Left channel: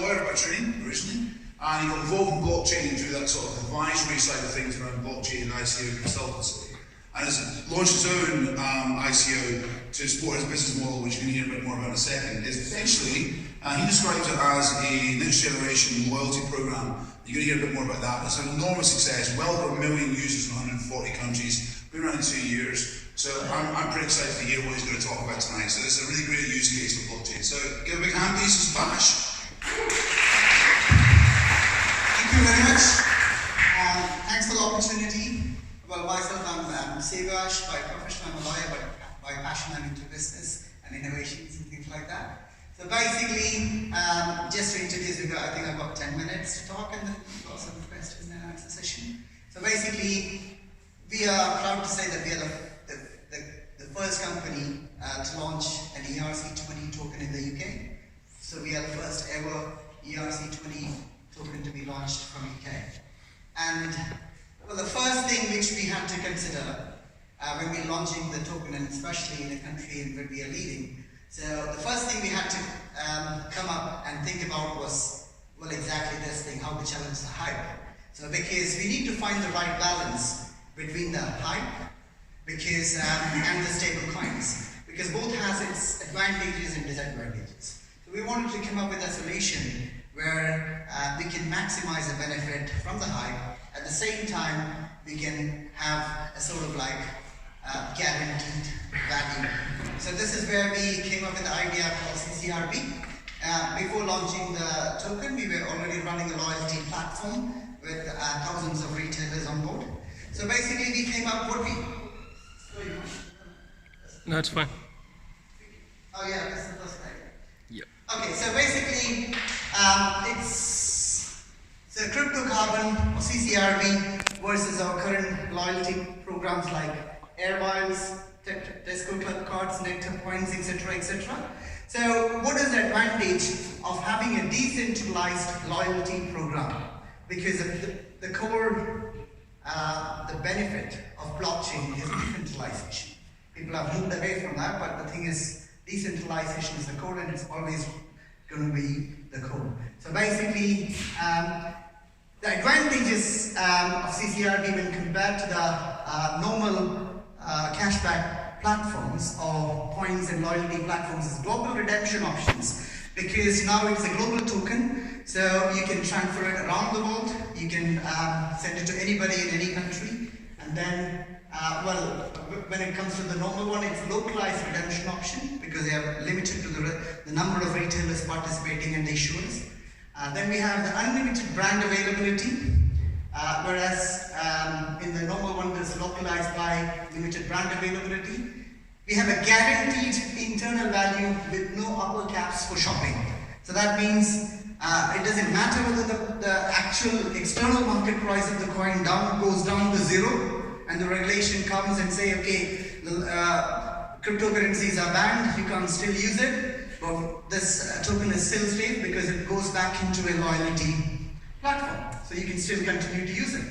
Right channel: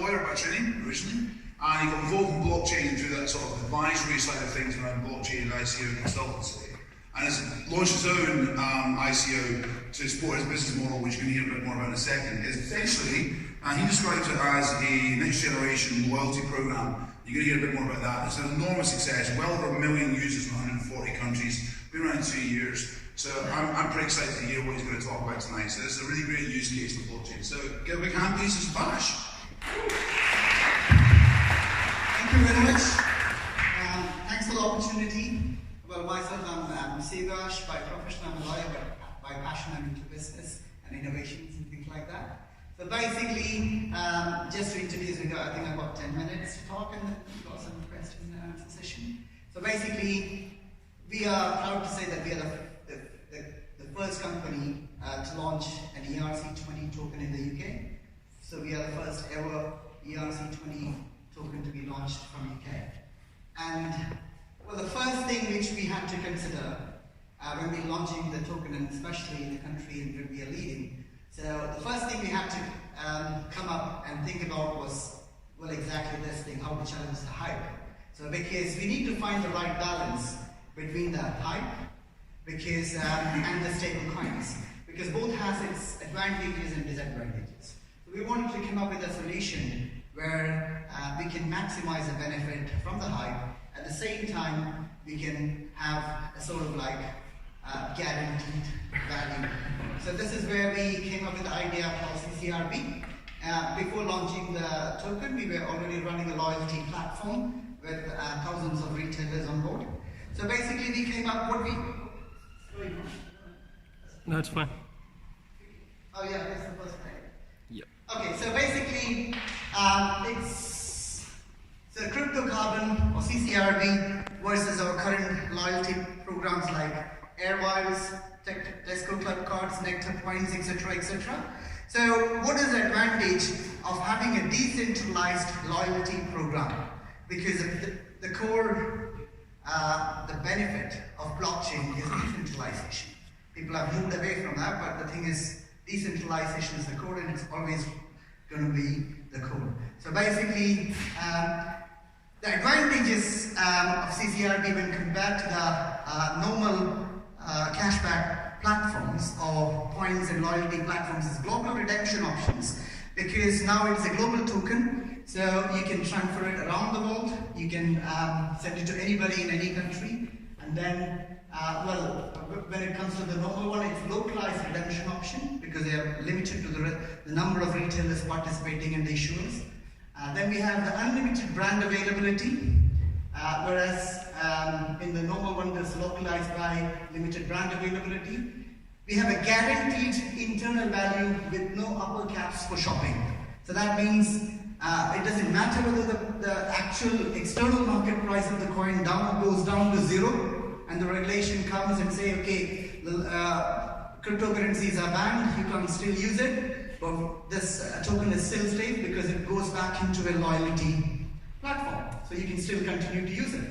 lawyer by training originally, and he got involved in blockchain through that sort of advisory side of things around blockchain and ICO consultancy, and has launched his own ICO to support his business model, which you can hear a bit more about in a second. Is essentially, he describes it as a next generation loyalty program. You're going to hear a bit more about that. It's an enormous success, well over 1 million users in 140 countries, been around 2 years. So I'm pretty excited to hear what he's going to talk about tonight. So this is a really great use case for blockchain. So give a big hand, please, to Bash. Thank you very much. Thanks for the opportunity. Well, myself, I'm Sevash. By profession, I'm a lawyer, but by passion, I'm into business and innovations and things like that. So basically, just to introduce you, I think I've got 10 minutes to talk and then we've got some question and answer session. So basically, we are proud to say that we are the first company to launch an ERC20 token in the UK. So we are the first ever ERC20 token to be launched from UK. And well, the first thing which we had to consider when we're launching the token, and especially in a country where we are leading, so the first thing we had to come up and think about was, well, exactly this thing, how to challenge the hype. So because we need to find the right balance between the hype and the stable coins, because both has its advantages and disadvantages. So we wanted to come up with a solution where we can maximize the benefit from the hype. At the same time, we can have a sort of like guaranteed value. So this is where we came up with the idea called CCRB. Before launching the token, we were already running a loyalty platform with thousands of retailers on board. So basically, we came up what we. No, it's fine. Oh yeah, that's the first thing. Yep. Okay, so basically, it's cryptocarbon or CCRB versus our current loyalty programs like Airmiles, Tesco Club Cards, Nectar Points, etc., etc. So, what is the advantage of having a decentralized loyalty program? Because the core, the benefit of blockchain is decentralization. People have moved away from that, but the thing is, decentralization is the core, and it's always going to be the core. So basically, the advantages of CCRB when compared to the normal cashback platforms or points and loyalty platforms is global redemption options, because now it's a global token, so you can transfer it around the world, you can send it to anybody in any country, and then well, when it comes to the normal one, it's localized redemption option because they are limited to the number of retailers participating and issuers. Then we have the unlimited brand availability, whereas in the normal one there's localized by limited brand availability. We have a guaranteed internal value with no upper caps for shopping. So that means it doesn't matter whether the actual external market price of the coin goes down to zero, and the regulation comes and say, okay, the cryptocurrencies are banned, you can't still use it, but this token is still safe because it goes back into a loyalty platform. So you can still continue to use it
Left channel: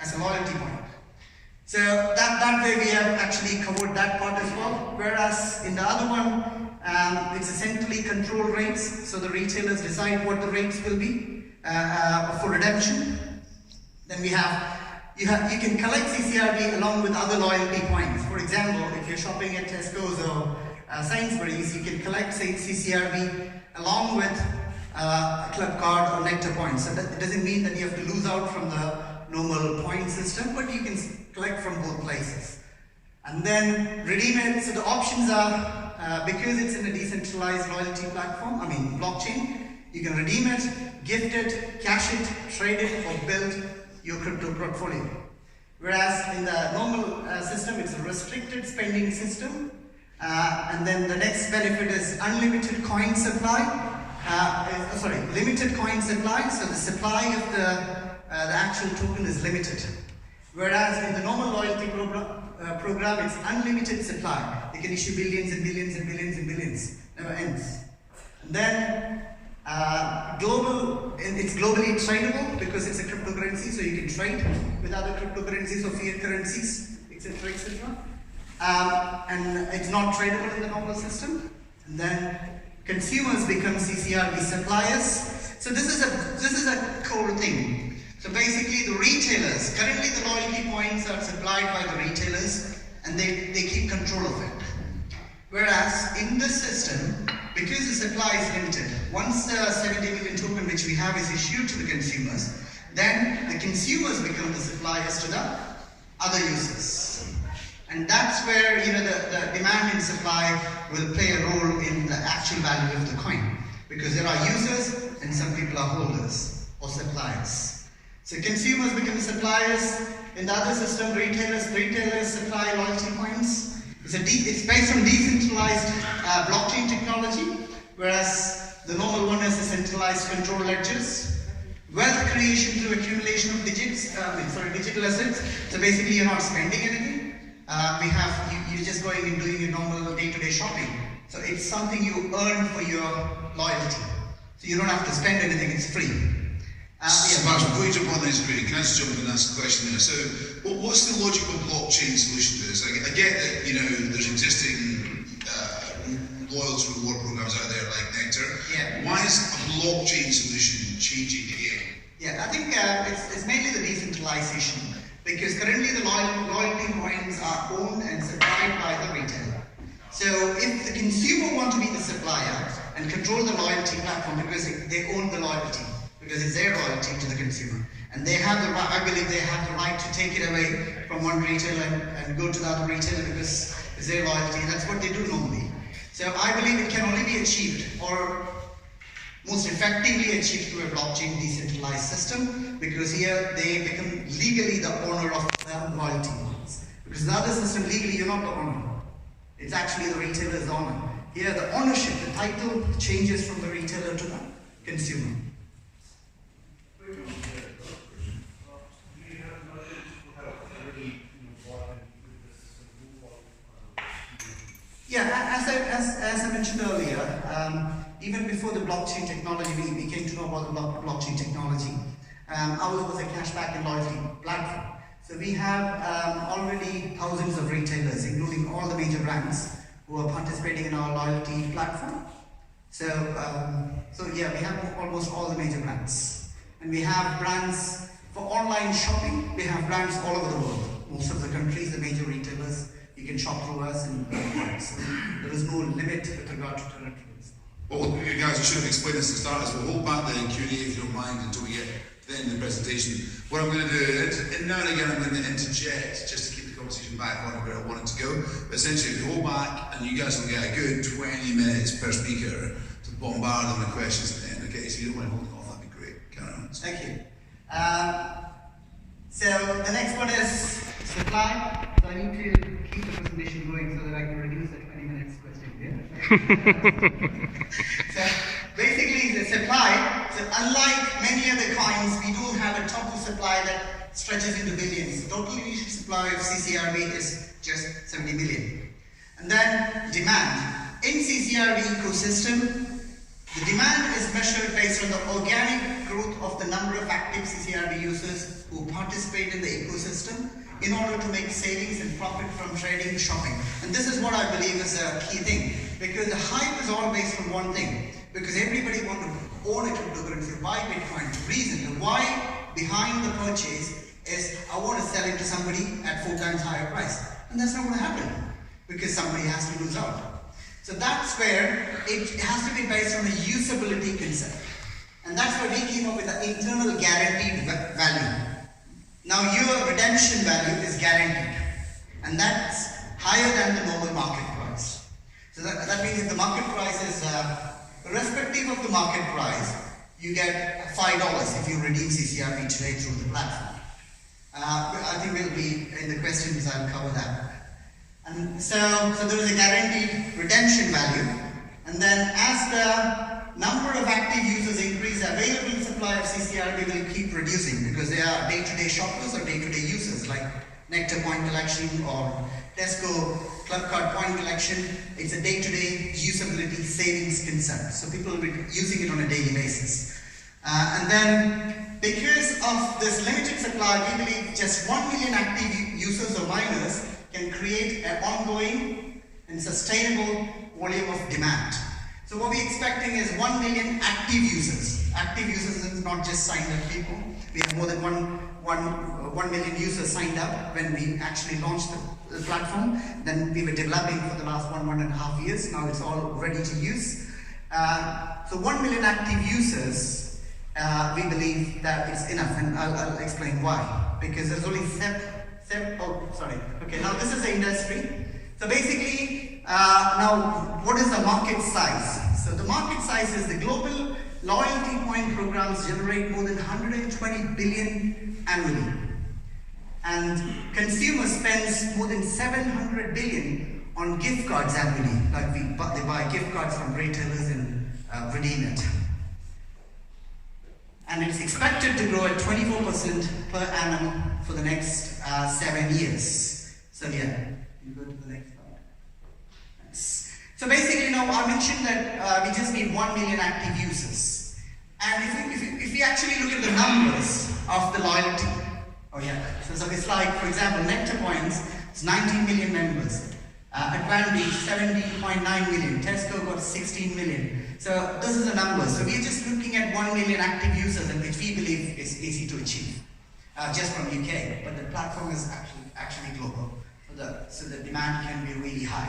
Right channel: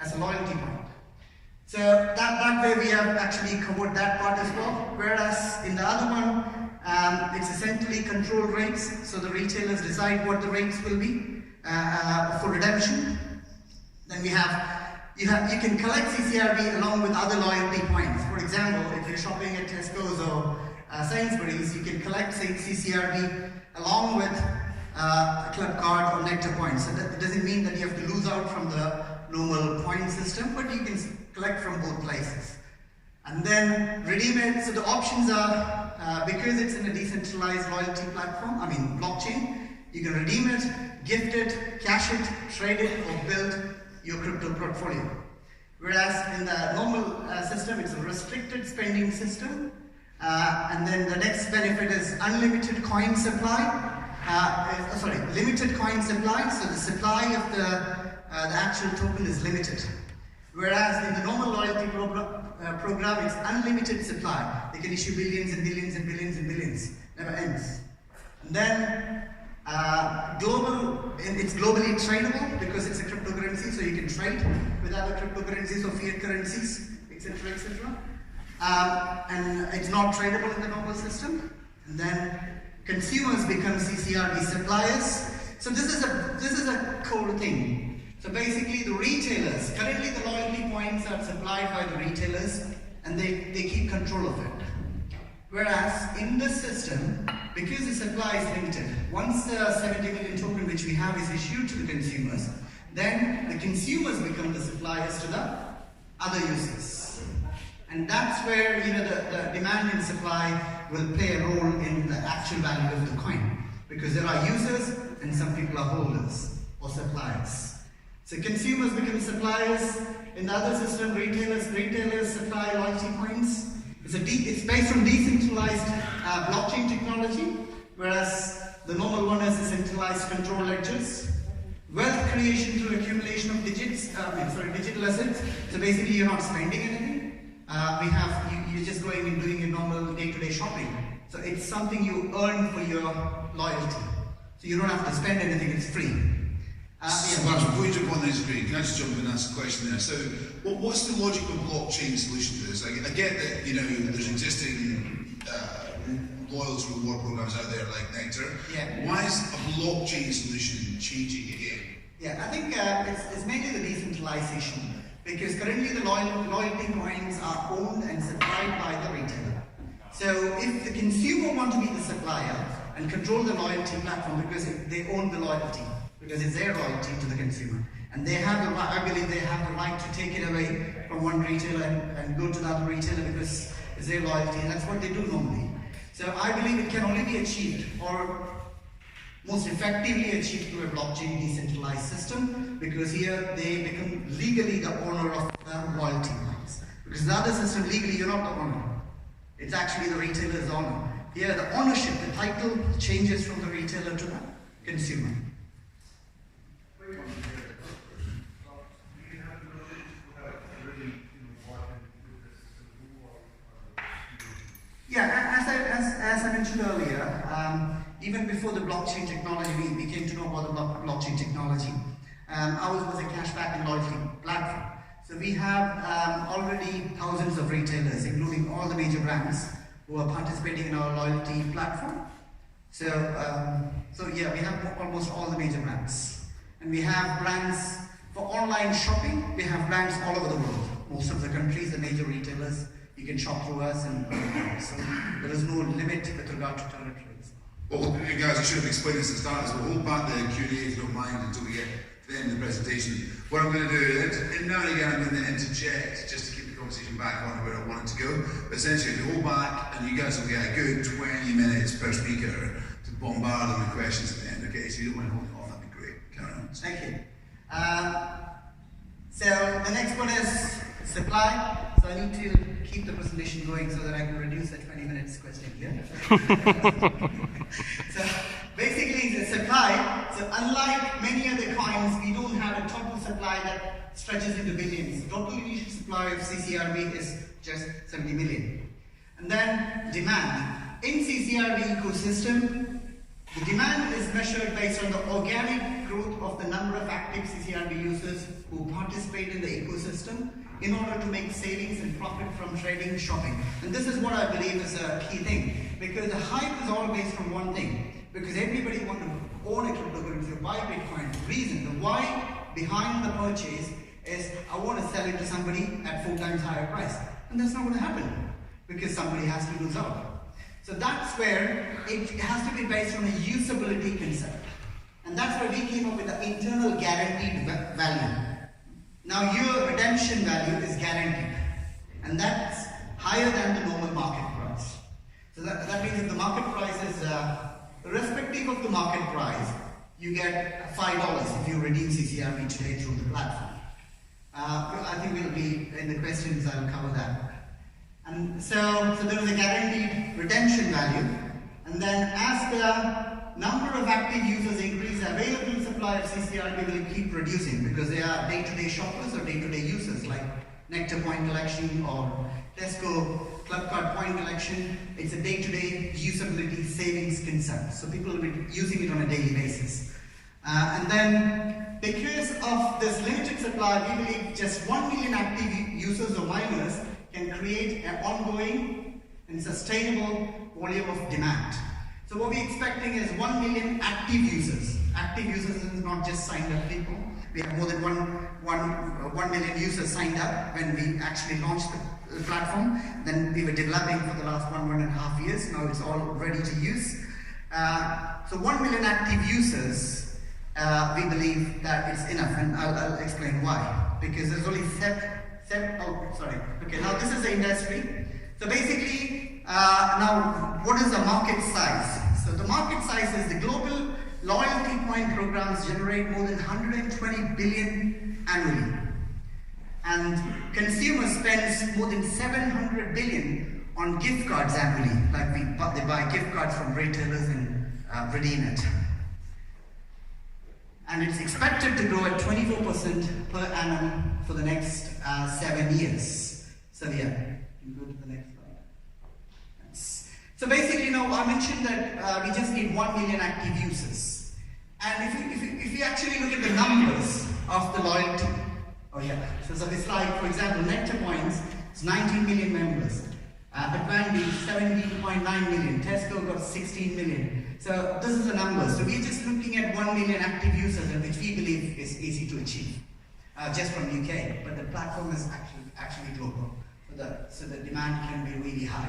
as a loyalty point. So that way we have actually covered that part as well. Whereas in the other one, it's essentially control rates. So the retailers decide what the rates will be for redemption. Then we have you can collect CCRB along with other loyalty points. For example, if you're shopping at Tesco's or Sainsbury's, you can collect CCRB along with a club card or Nectar points. So that doesn't mean that you have to lose out from the normal point system, but you can collect from both places. And then redeem it. So the options are, because it's in a decentralized loyalty platform, blockchain, you can redeem it, gift it, cash it, trade it, or build your crypto portfolio. Whereas in the normal system, it's a restricted spending system. And then the next benefit is unlimited coin supply. Limited coin supply. So the supply of the actual token is limited. Whereas in the normal loyalty program, it's unlimited supply. They can issue billions and billions and billions and billions. Never ends. And then it's globally tradable because it's a cryptocurrency, so you can trade with other cryptocurrencies or fiat currencies, etc., etc. And it's not tradable in the normal system. And then consumers become CCRB suppliers. So this thing. So basically the retailers, currently the loyalty points are supplied by the retailers and they keep control of it. Whereas in this system, because the supply is limited, once the 70 million token which we have is issued to the consumers, then the consumers become the suppliers to the other users. And that's where the demand and supply will play a role in the actual value of the coin. Because there are users and some people are holders or suppliers. So consumers become suppliers. In the other system, retailers supply loyalty points. It's based on decentralized blockchain technology, whereas the normal one is the centralized control ledgers. Wealth creation through accumulation of digital assets. So basically you're not spending anything. You're just going and doing your normal day-to-day shopping. So it's something you earn for your loyalty. So you don't have to spend anything, it's free. Smash, before you jump on this, great, can I just jump in and ask a question there? So, what's the logic of blockchain solution to this? I get that, there's existing loyalty reward programs out there like Nectar. Yeah. Why is a blockchain solution changing the game? Yeah, I think it's mainly the decentralization. Because currently the loyalty coins are owned and supplied by the retailer. So if the consumer wants to be the supplier and control the loyalty platform because they own the loyalty, because it's their loyalty to the consumer, and they have the right, I believe they have the right to take it away from one retailer and go to the other retailer because it's their loyalty. That's what they do normally. So I believe it can only be achieved or most effectively achieved through a blockchain decentralized system, because here they become legally the owner of the loyalty points. Because in the other system, legally you're not the owner. It's actually the retailer's owner. Here the ownership, the title changes from the retailer to the consumer. Yeah, as I mentioned earlier, even before the blockchain technology, we came to know about the blockchain technology. Ours was a cashback and loyalty platform. So we have already thousands of retailers, including all the major brands, who are participating in our loyalty platform. So yeah, we have almost all the major brands. And we have brands for online shopping. We have brands all over the world. Most of the countries, the major retailers, you can shop through us, and so there is no limit with regard to territories. Well, you guys, I should have explained this to start, so we'll hold back the Q&A if you don't mind until we get to the end of the presentation. What I'm going to do is, now and again, I'm going to interject just to keep the conversation back on where I want it to go. But essentially, if you hold back, and you guys will get a good 20 minutes per speaker to bombard them with questions at the end. Okay, so you don't mind holding on, that'd be great. Carry on. Thank you. So the next one is supply. So I need to keep the presentation going so that I can reduce the 20 minutes question here. So basically the supply, so unlike many other coins, we do have a total supply that stretches into billions. The total initial supply of CCRB is just 70 million. And then demand. In CCRB ecosystem, the demand is measured based on the organic growth of the number of active CCRB users who participate in the ecosystem in order to make savings and profit from trading shopping. And this is what I believe is a key thing, because the hype is all based on one thing, because everybody wants to own a cryptocurrency, buy Bitcoin. The reason, the why behind the purchase is I want to sell it to somebody at 4 times higher price. And that's not going to happen, because somebody has to lose out. So that's where it has to be based on a usability concept. And that's why we came up with the internal guaranteed value. Now your redemption value is guaranteed, and that's higher than the normal market price. So that means if the market price is, irrespective of the market price, you get $5 if you redeem CCRB today through the platform. I think we'll be, in the questions I'll cover that. And so there is a guaranteed redemption value, and then as the number of active users increase, the available supply of CCRB will keep reducing, because they are day-to-day shoppers or day-to-day users like Nectar point collection or Tesco club card point collection. It's a day-to-day usability savings concept. So people will be using it on a daily basis. And then because of this limited supply, we believe just 1 million active users or miners can create an ongoing and sustainable volume of demand. So what we're expecting is 1 million active users. Active users in is not just signed up people. We have more than 1 million users signed up when we actually launched the platform. Then we were developing for the last 1.5 years. Now it's all ready to use. So 1 million active users, we believe that it's enough, and I'll explain why. Because there's only Okay, now this is the industry. So basically, now what is the market size? So the market size is the global loyalty point programs generate more than 120 billion annually. And consumer spends more than 700 billion on gift cards annually. Like they buy gift cards from retailers and redeem it. And it's expected to grow at 24% per annum for the next 7 years. So yeah, you go to the next one. Nice. So basically now I mentioned that we just need 1 million active users. And if we actually look at the numbers of the loyalty, so it's like, for example, Nectar Points is 19 million members. Advantage 17.9 million, Tesco got 16 million. So this is the number. So we're just looking at 1 million active users, and which we believe is easy to achieve, just from UK. But the platform is actually global, so the demand can be really high.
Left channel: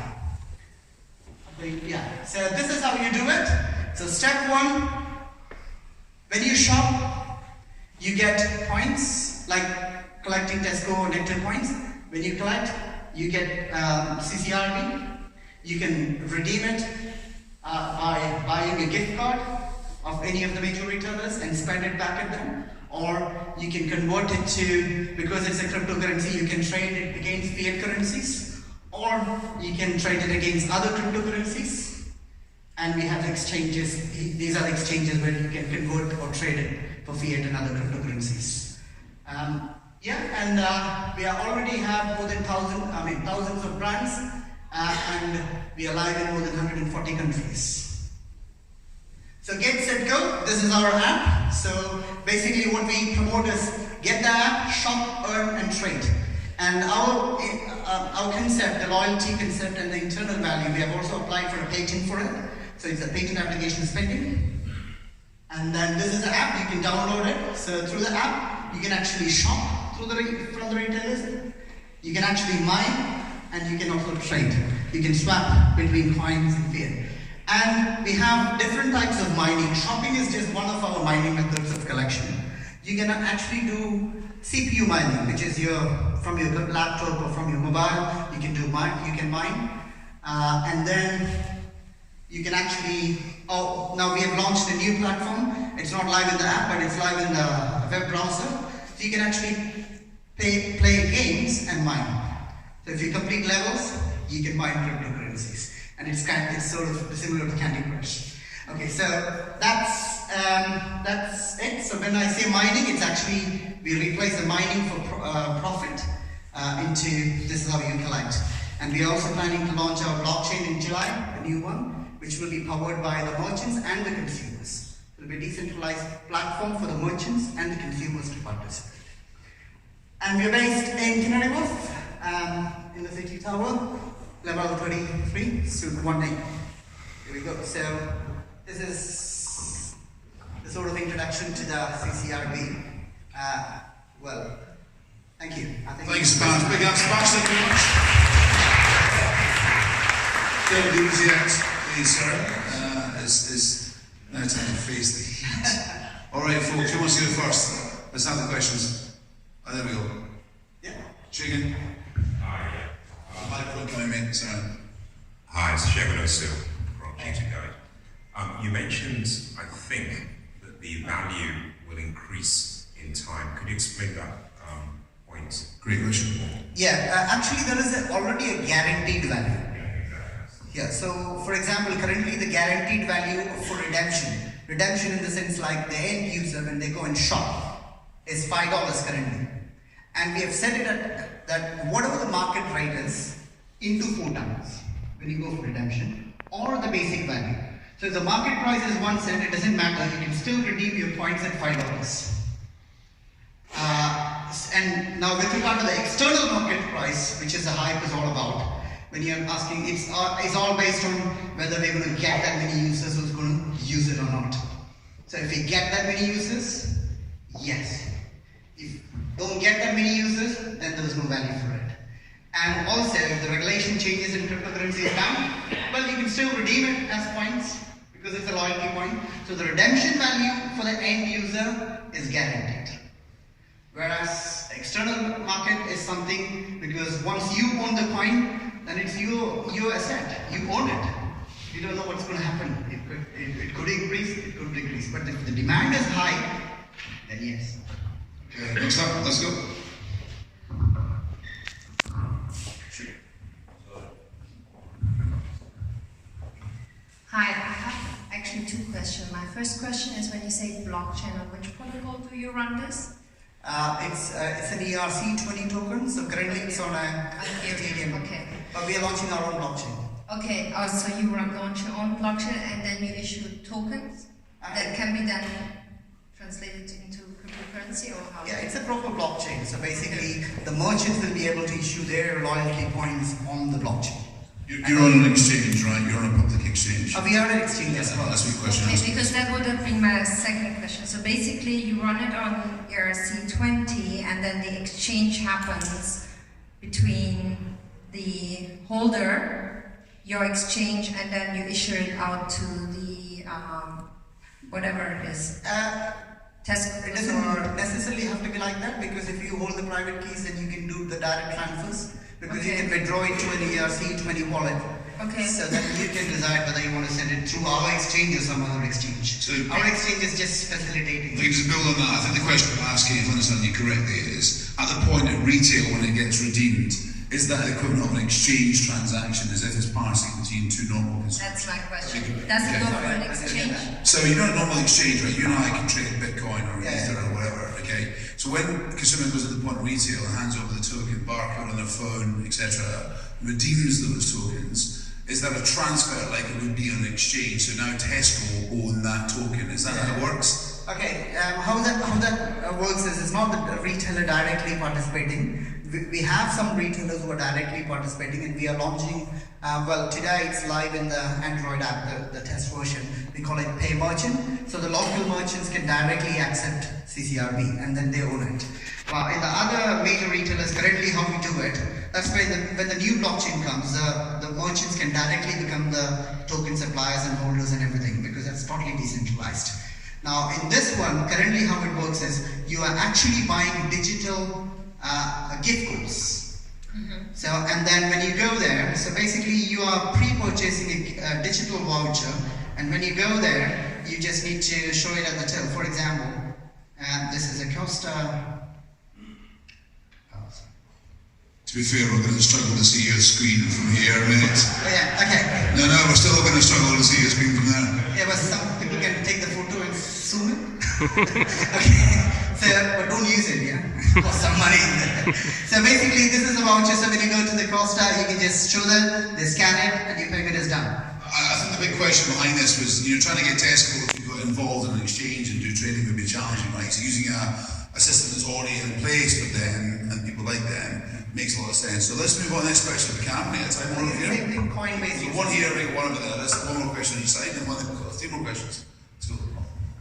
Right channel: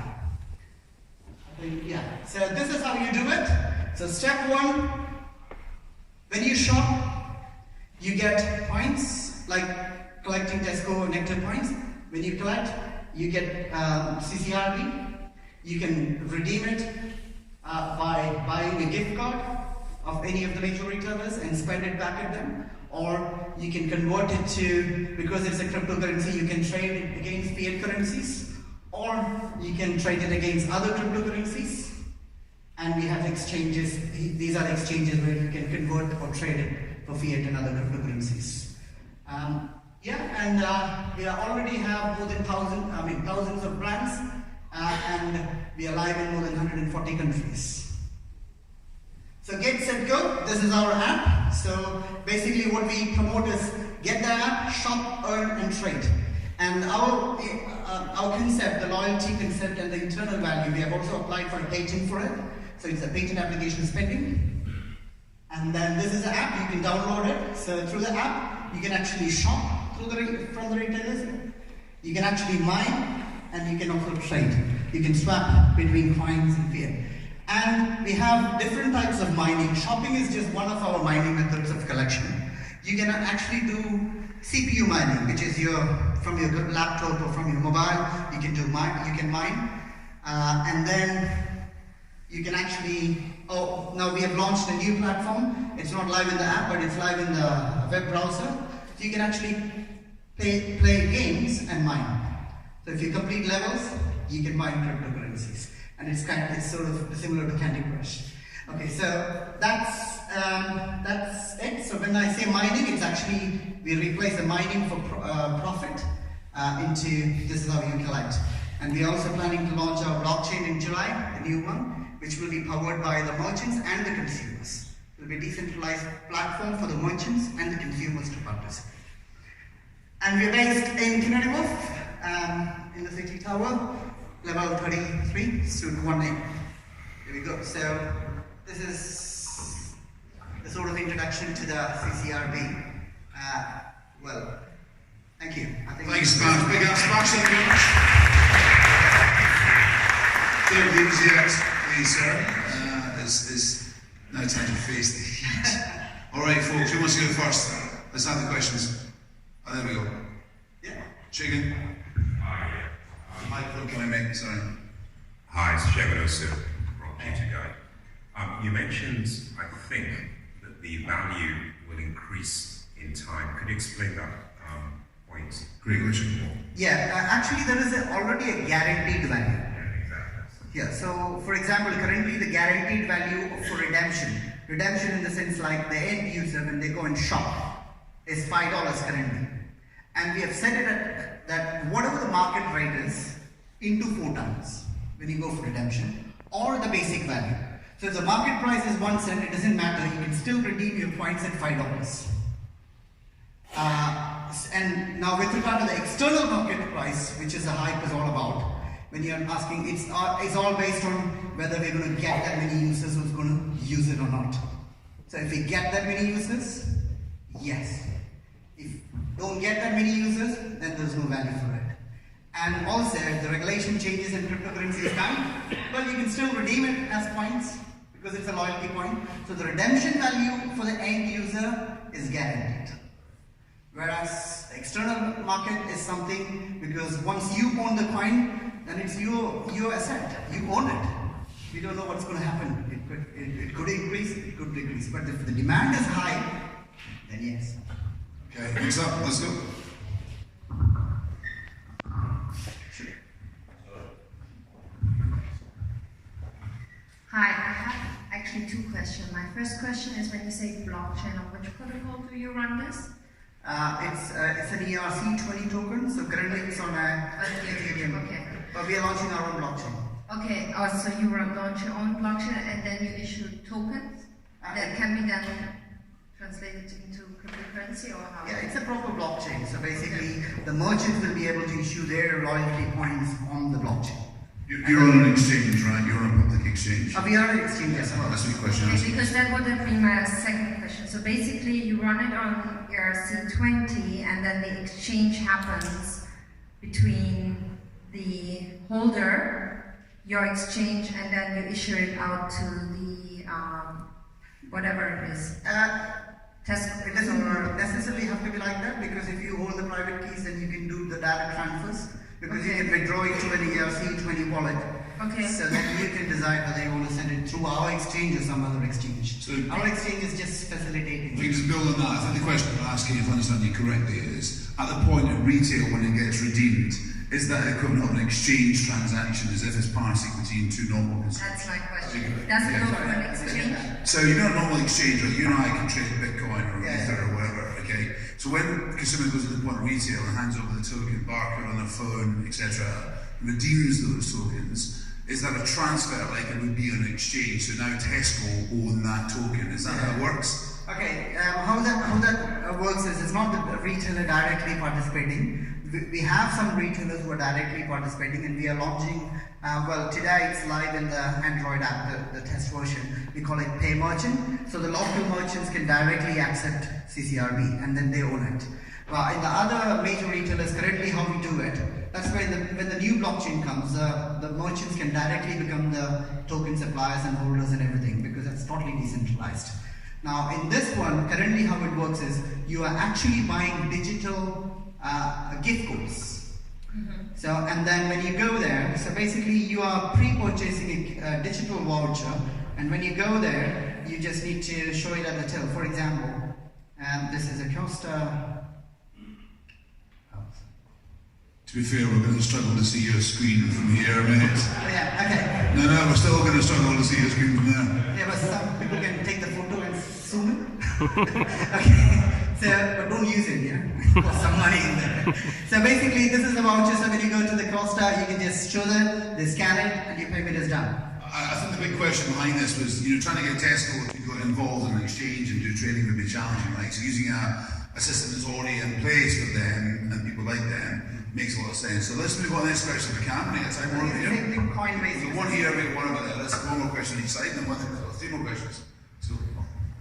So this is how you do it. So step 1, when you shop, you get points, like collecting Tesco Nectar points. When you collect, you get CCRB. You can redeem it by buying a gift card of any of the major retailers and spend it back at them. Or you can convert it to, because it's a cryptocurrency, you can trade it against fiat currencies. Or you can trade it against other cryptocurrencies. And we have exchanges. These are exchanges where you can convert or trade it for fiat and other cryptocurrencies. We already have more than thousands of brands, and we are live in more than 140 countries. So get, set, go. This is our app. So basically what we promote is get the app, shop, earn, and trade. And our concept, the loyalty concept and the internal value, we have also applied for a patent for it. So it's a patent application pending. And then this is the app, you can download it. So through the app, you can actually shop from the retailers. You can actually mine, and you can also trade. You can swap between coins and fiat. And we have different types of mining. Shopping is just one of our mining methods of collection. You can actually do CPU mining, which is from your laptop or from your mobile. You can mine, and then you can actually. Now we have launched a new platform. It's not live in the app, but it's live in the web browser. So you can actually play games and mine. So if you complete levels, you can mine cryptocurrencies, and it's sort of similar to Candy Crush. Okay, so that's it. So when I say mining, it's actually we replace the mining for profit into this is how you collect. And we are also planning to launch our blockchain in July, the new one, which will be powered by the merchants and the consumers. It will be a decentralized platform for the merchants and the consumers to participate. And we are based in Canary Wharf, in the City Tower, level 33, suite 1A. Here we go. So this is the sort of introduction to the CCRB. Well, thank you. Thanks, Sparks. Big up, Sparks. Don't lose yet, please, sir. It's now time to face the heat. All right, folks, who wants to go first? Let's have the questions. Oh, there we go. Yeah. Chicken. Hi. Microphone coming, mate. Sorry. Hi, it's Shegun Osu from Computer Guide. You mentioned, I think, that the value will increase in time. Could you explain that point? Great question. Yeah, actually there is already a guaranteed value. Yeah, exactly. Yeah, so for example, currently the guaranteed value for redemption in the sense like the end user when they go and shop is $5 currently. And we have set it at that whatever the market rate is into 4 times when you go for redemption, or the basic value. So if the market price is 1 cent, it doesn't matter, you can still redeem your points at $5. And now with regard to the external market price, which is the hype is all about, when you're asking, it's all based on whether we're going to get that many users who's going to use it or not. So if we get that many users, yes. If don't get that many users, then there is no value for it. And also, if the regulation changes in cryptocurrency is done, well, you can still redeem it as points because it's a loyalty point. So the redemption value for the end user is guaranteed. Whereas external market is something because once you own the coin, then it's your asset. You own it. You don't know what's going to happen. It could increase, it could decrease. But if the demand is high, then yes. Okay, next up, let's go. Hi, I have actually two questions. My first question is when you say blockchain, on which protocol do you run this? It's an ERC20 token, so currently it's on a Ethereum. Okay. But we are launching our own blockchain. Okay, so you launch your own blockchain and then you issue tokens that can be then translated into cryptocurrency or how? Yeah, it's a proper blockchain. So basically, the merchants will be able to issue their loyalty points on the blockchain. You're on an exchange, right? You're on a public exchange. We are an exchange as well. That's my question. Okay, because that would have been my second question. So basically, you run it on ERC20 and then the exchange happens between the holder, your exchange, and then you issue it out to the whatever it is. Tesco. It doesn't necessarily have to be like that because if you hold the private keys, then you can do the direct transfers because you can withdraw it to an ERC20 wallet. Okay. So then you can decide whether you want to send it through our exchange or some other exchange. So our exchange is just facilitating. If we can just build on that, I think the question I'm asking, if I understand you correctly, is at the point at retail when it gets redeemed, is that equivalent of an exchange transaction as if it's passing between two normal consumers? That's my question. Does it go for an exchange? So you know a normal exchange, right? You and I can trade Bitcoin or Ether or whatever, okay? So when a consumer goes to the point of retail and hands over the token, barcode on their phone, etc., redeems those tokens, is that a transfer like it would be an exchange? So now Tesco own that token. Is that how it works? Okay, how that works is it's not the retailer directly participating. We have some retailers who are directly participating and we are launching, well today it's live in the Android app, the test version. We call it Pay Merchant. So the local merchants can directly accept CCRB and then they own it. But in the other major retailers, currently how we do it, that's when the new blockchain comes, the merchants can directly become the token suppliers and holders and everything because that's totally decentralized. Now in this one, currently how it works is you are actually buying digital gift codes. So, and then when you go there, so basically you are pre-purchasing a digital voucher, and when you go there, you just need to show it at the till. For example, this is a Costa. To be fair, we're going to struggle to see your screen from here a minute. Oh yeah, okay. No, we're still going to struggle to see your screen from there. Yeah, but some people can take the photo and zoom it. Okay. So, but don't use it, yeah? Cost some money in there. So basically, this is a voucher. So when you go to the Costa, you can just show them, they scan it, and your payment is done. I think the big question behind this was, trying to get Tesco to get involved in an exchange and do trading would be challenging, right? So using a system that's already in place for them and people like them makes a lot of sense. So let's move on to the next question if we can. It's like one over here. So one here, one over there. Let's have one more question on each side, and three more questions. So,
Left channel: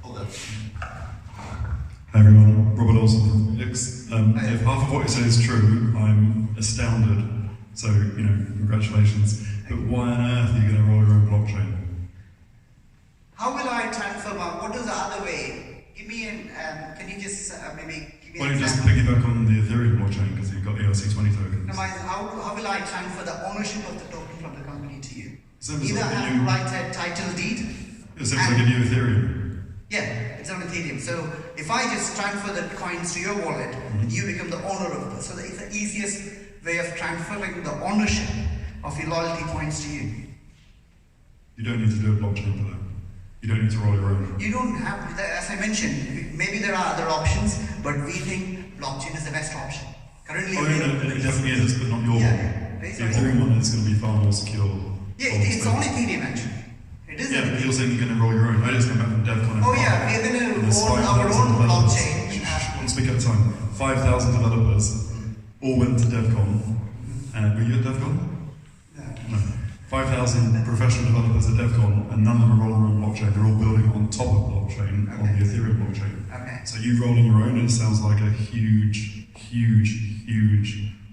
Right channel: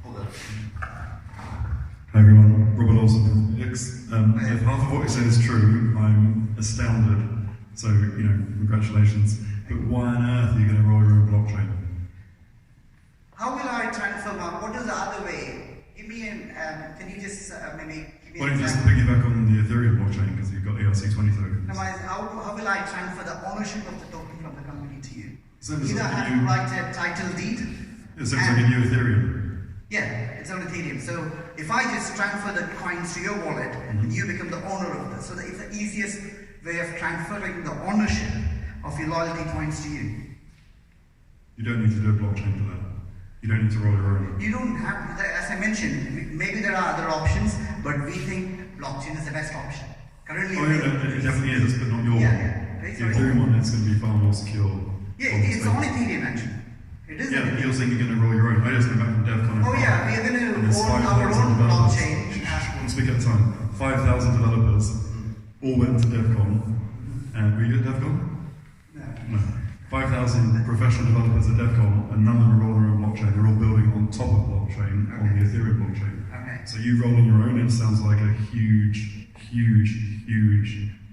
hold on. Hi everyone, Robert Olsen from X. If half of what you say is true, I'm astounded. So, congratulations. But why on earth are you going to roll your own blockchain? How will I transfer what is the other way? Give me can you just maybe give me Why don't you just piggyback on the Ethereum blockchain because you've got ERC20 tokens? No, how will I transfer the ownership of the token from the company to you? Same as Either I have to write a title deed. Yeah, same as I give you Ethereum. Yeah, it's on Ethereum. So if I just transfer the coins to your wallet, you become the owner of this. So it's the easiest way of transferring the ownership of your loyalty points to you. You don't need to do a blockchain for that. You don't need to roll your own. You don't have to, as I mentioned, maybe there are other options, but we think blockchain is the best option. Currently, it definitely is, but not your one. The Ethereum one is going to be far more secure. Yeah, it's on Ethereum actually. It is. Yeah, but you're saying you're going to roll your own. I just came back from DevCon. Oh yeah, we're going to own our own blockchain. One speak at a time. 5,000 developers all went to DevCon. And were you at DevCon? No. 5,000 5,000 professional developers at DevCon, and none of them are rolling their own blockchain. They're all building on top of blockchain, on the Ethereum blockchain. Okay. So you rolling your own, it sounds like a huge,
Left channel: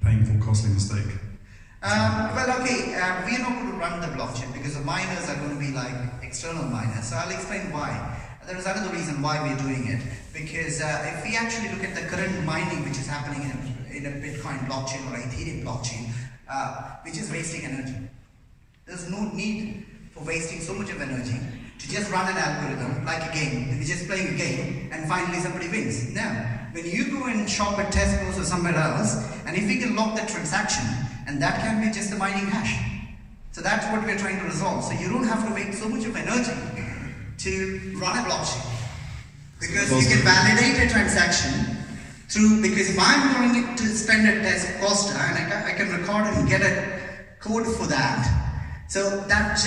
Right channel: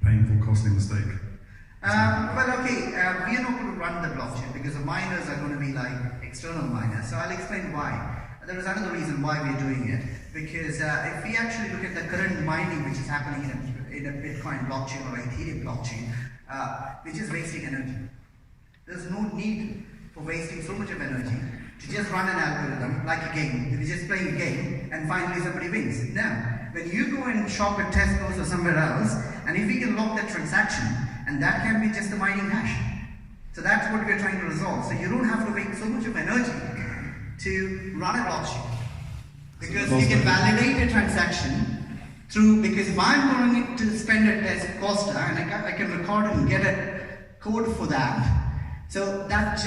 painful, costly mistake. We are not going to run the blockchain because the miners are going to be like external miners. So I'll explain why. There is another reason why we are doing it, because if we actually look at the current mining which is happening in a Bitcoin blockchain or Ethereum blockchain, which is wasting energy. There's no need for wasting so much of energy to just run an algorithm like a game. We're just playing a game and finally somebody wins. Now, when you go and shop at Tesco's or somewhere else, and if we can lock that transaction, and that can be just the mining hash. So that's what we're trying to resolve. So you don't have to waste so much of energy to run a blockchain. Because you can validate a transaction through, because if I'm going to spend at Costa and I can record it and get a code for that, so that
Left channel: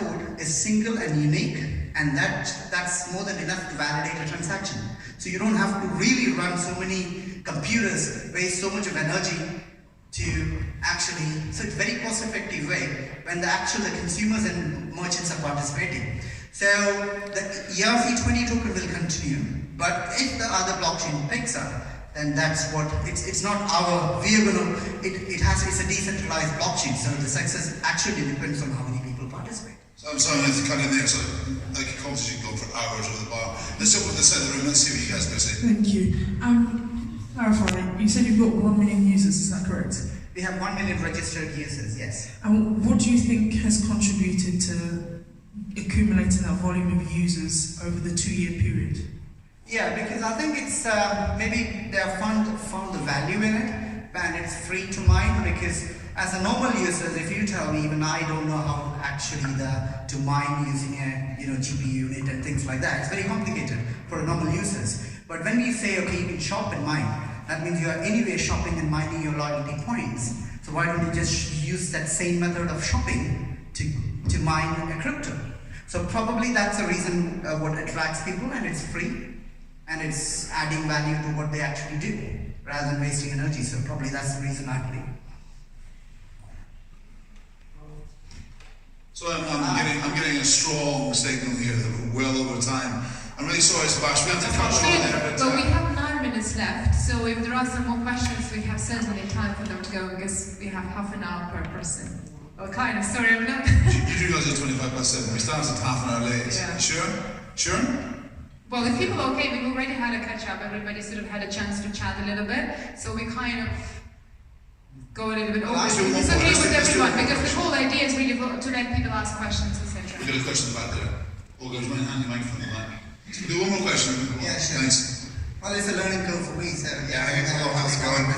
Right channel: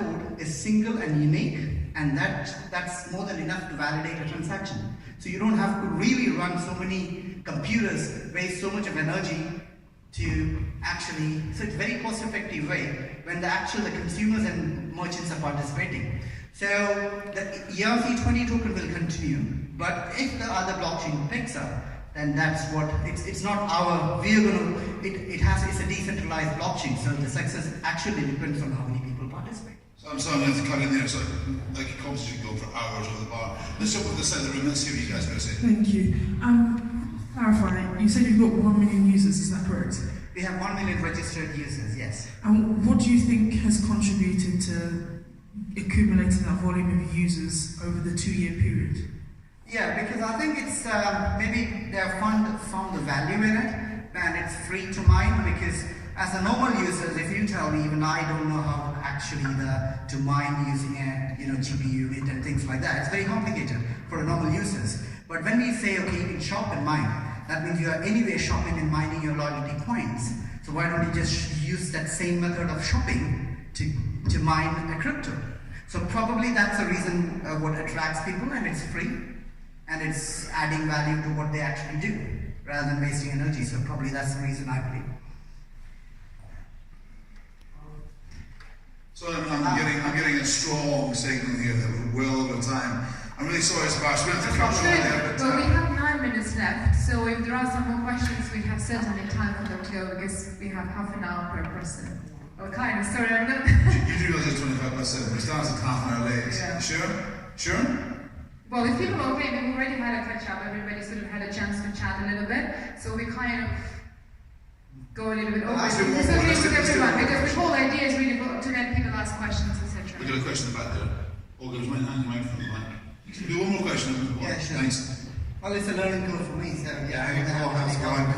code is single and unique, and that's more than enough to validate a transaction. So you don't have to really run so many computers, waste so much of energy to actually, so it's a very cost effective way when the consumers and merchants are participating. So the ERC20 token will continue, but if the other blockchain picks up, then that's what, it's not our, we are going to, it's a decentralized blockchain, so the success actually depends on how many people participate. So I'm sorry, I have to cut in there, so like a conversation go for hours over the bar. Let's jump to the side of the room, let's see what you guys are going to say. Thank you. Clarify, you said you've got 1 million users, is that correct? We have 1 million registered users, yes. And what do you think has contributed to accumulating that volume of users over the 2-year period? Yeah, because I think it's maybe they have found the value in it, and it's free to mine. Because as a normal user, if you tell me, even I don't know how actually to mine using a GPU unit and things like that. It's very complicated for normal users. But when we say, okay, you can shop and mine, that means you are anyway shopping and mining your loyalty points. So why don't you just use that same method of shopping to mine a crypto? So probably that's the reason what attracts people, and it's free. And it's adding value to what they actually do, rather than wasting energy. So probably that's the reason I believe. So I'm getting a strong statement here that we're well over time. I'm really sorry, Sebastian, we have to cut short there. But we have 9 minutes left, so if there are some more questions, we have certainly time for them to go, because we have half an hour per person. Well, kind of, sorry, I'm not... you do guys are 25 past 7. We started at half an hour late. Yeah. Sure? Sure? Well, if people are okay, we've already had a catch-up, everybody sort of had a chance to chat a little bit, so we kind of go a little bit over. Actually, It's okay with let's do everyone, one because the question. whole idea is really to let people ask questions, etc. We've got a question about there. Olga, would you mind handing the microphone to that? We'll do one more question. Yeah, sure. Thanks. Well, it's a learning curve for me, so Yeah, hello, how's it going?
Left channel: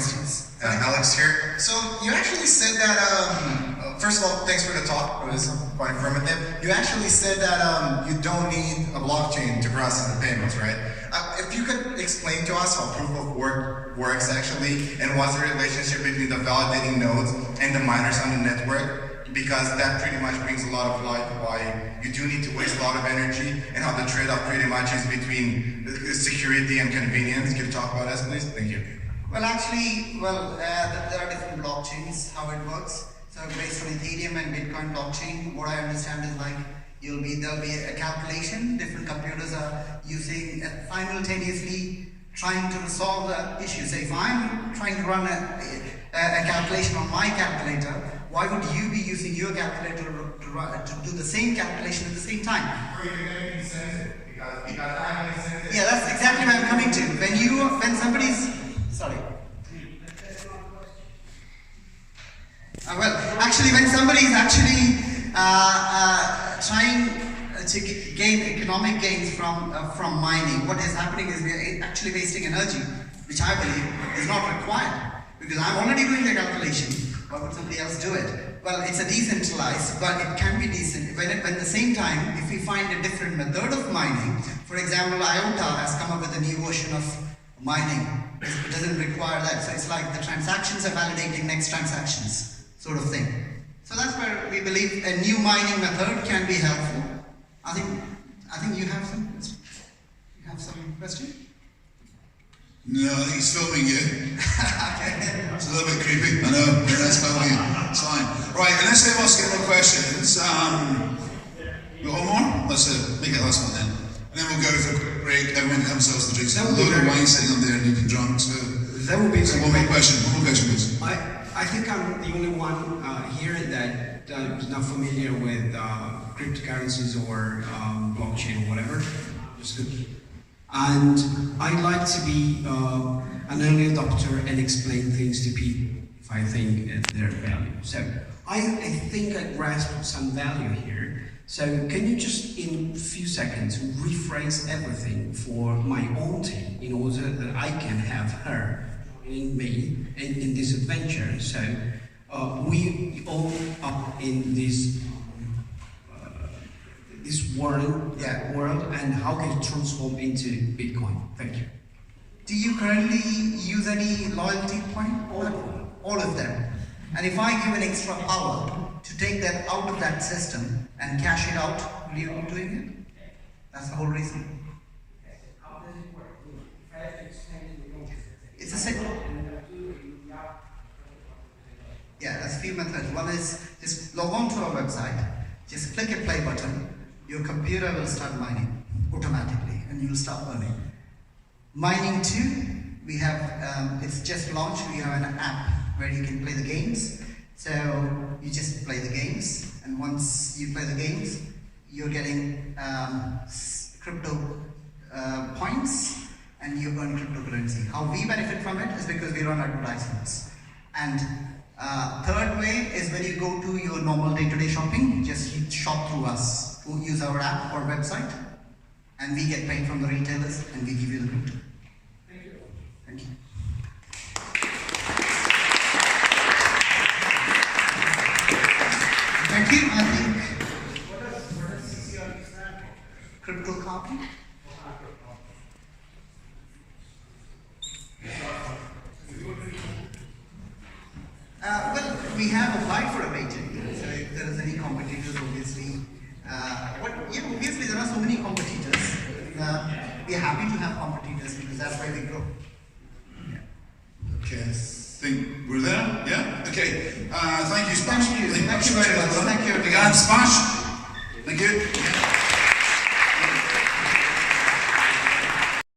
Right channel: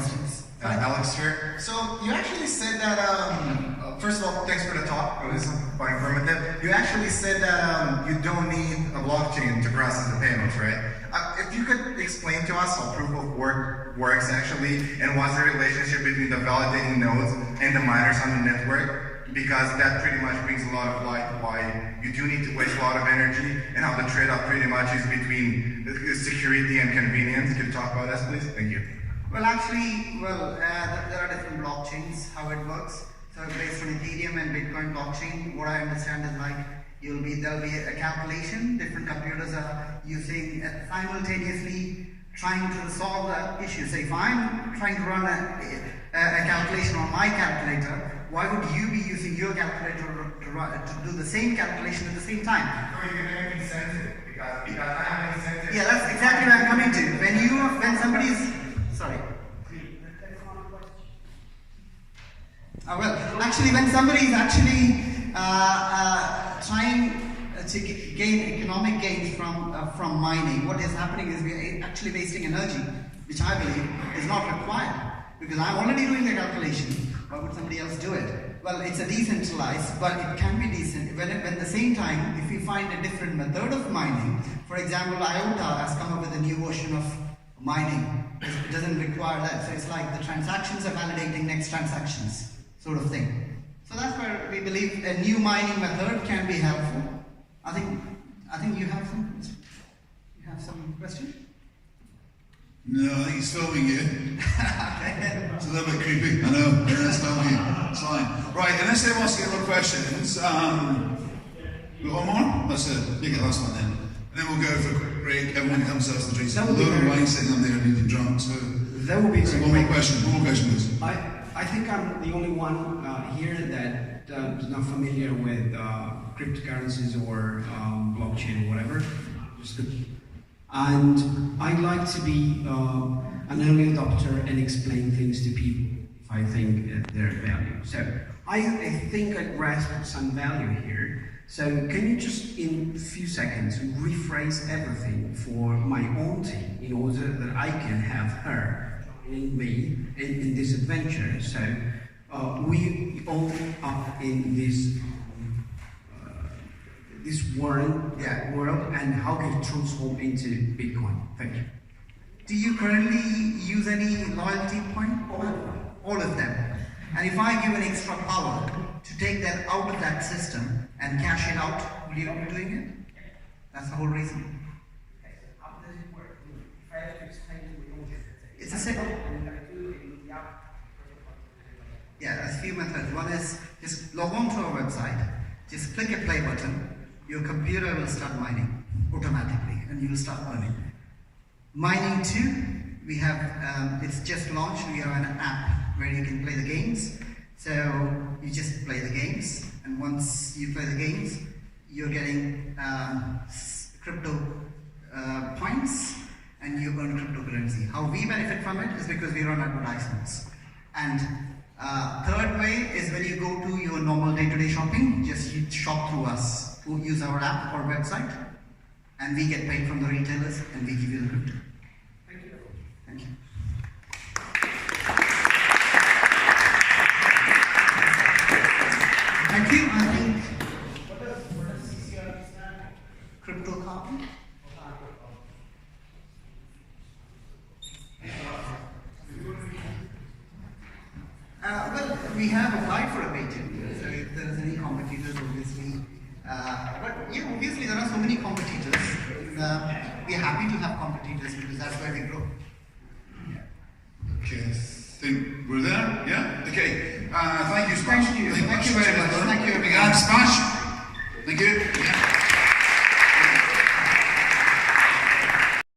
Alex here. So you actually said that, first of all, thanks for the talk, it was quite informative. You actually said that you don't need a blockchain to process the payments, right? If you could explain to us how proof of work works actually, and what's the relationship between the validating nodes and the miners on the network, because that pretty much brings a lot of light why you do need to waste a lot of energy, and how the trade-off pretty much is between security and convenience. Can you talk about that, please? Thank you. Well, actually, there are different blockchains, how it works. So based on Ethereum and Bitcoin blockchain, what I understand is like there'll be a calculation. Different computers are using simultaneously trying to resolve the issue. So if I'm trying to run a calculation on my calculator, why would you be using your calculator to do the same calculation at the same time? Oh, you're going to make me sense it, because I have any sense. Yeah, that's exactly what I'm coming to. When somebody's sorry. Well, actually, when somebody is actually trying to gain economic gains from mining, what is happening is we are actually wasting energy, which I believe is not required, because I'm already doing the calculation. Why would somebody else do it? Well, it's a decentralized, but it can be decent. When at the same time, if we find a different method of mining, for example, IOTA has come up with a new version of mining. It doesn't require that. So it's like the transactions are validating next transactions, sort of thing. So that's where we believe a new mining method can be helpful. I think you have some question? No, I think he's filming you. It's a little bit creepy. I know, but that's filming you. It's fine. Right, unless anyone else get more questions, got one more? Let's make it the last one then. And then we'll go for a quick break. Everyone can have themselves the drinks. There's a load of wine sitting up there and you can drunk. So that would be one more question. One more question, please. I think I'm the only one here that is not familiar with cryptocurrencies or blockchain or whatever. And I'd like to be an early adopter and explain things to people if I think they're value. So I think I grasp some value here. So can you just, in a few seconds, rephrase everything for my own team in order that I can have her joining me in this adventure? So we all up in this world, and how can it transform into Bitcoin? Thank you. Do you currently use any loyalty point? All of them. And if I give an extra power to take that out of that system and cash it out, will you be doing it? That's the whole reason. How does it work? If I have to explain it, it's a simple. Yeah, there's a few methods. One is just log on to our website, just click a play button, your computer will start mining automatically and you'll start earning. Mining 2, we have, it's just launched, we have an app where you can play the games. So you just play the games, and once you play the games, you're getting crypto points, and you earn cryptocurrency. How we benefit from it is because we run advertisements. And third way is when you go to your normal day-to-day shopping, just you shop through us, who use our app or website, and we get paid from the retailers, and we give you the crypto. Thank you. Thank you. Thank you. I think. What does CCRB stand for? Cryptocurrency. Well, we have applied for a patent. So if there is any competitors, obviously, obviously there are so many competitors. We are happy to have competitors because that's where we grow. Yeah. Okay, I think we're there. Yeah. Okay. Thank you, Smash. Thank you very much. Thank you. Big hand, Smash. Thank you. Yeah.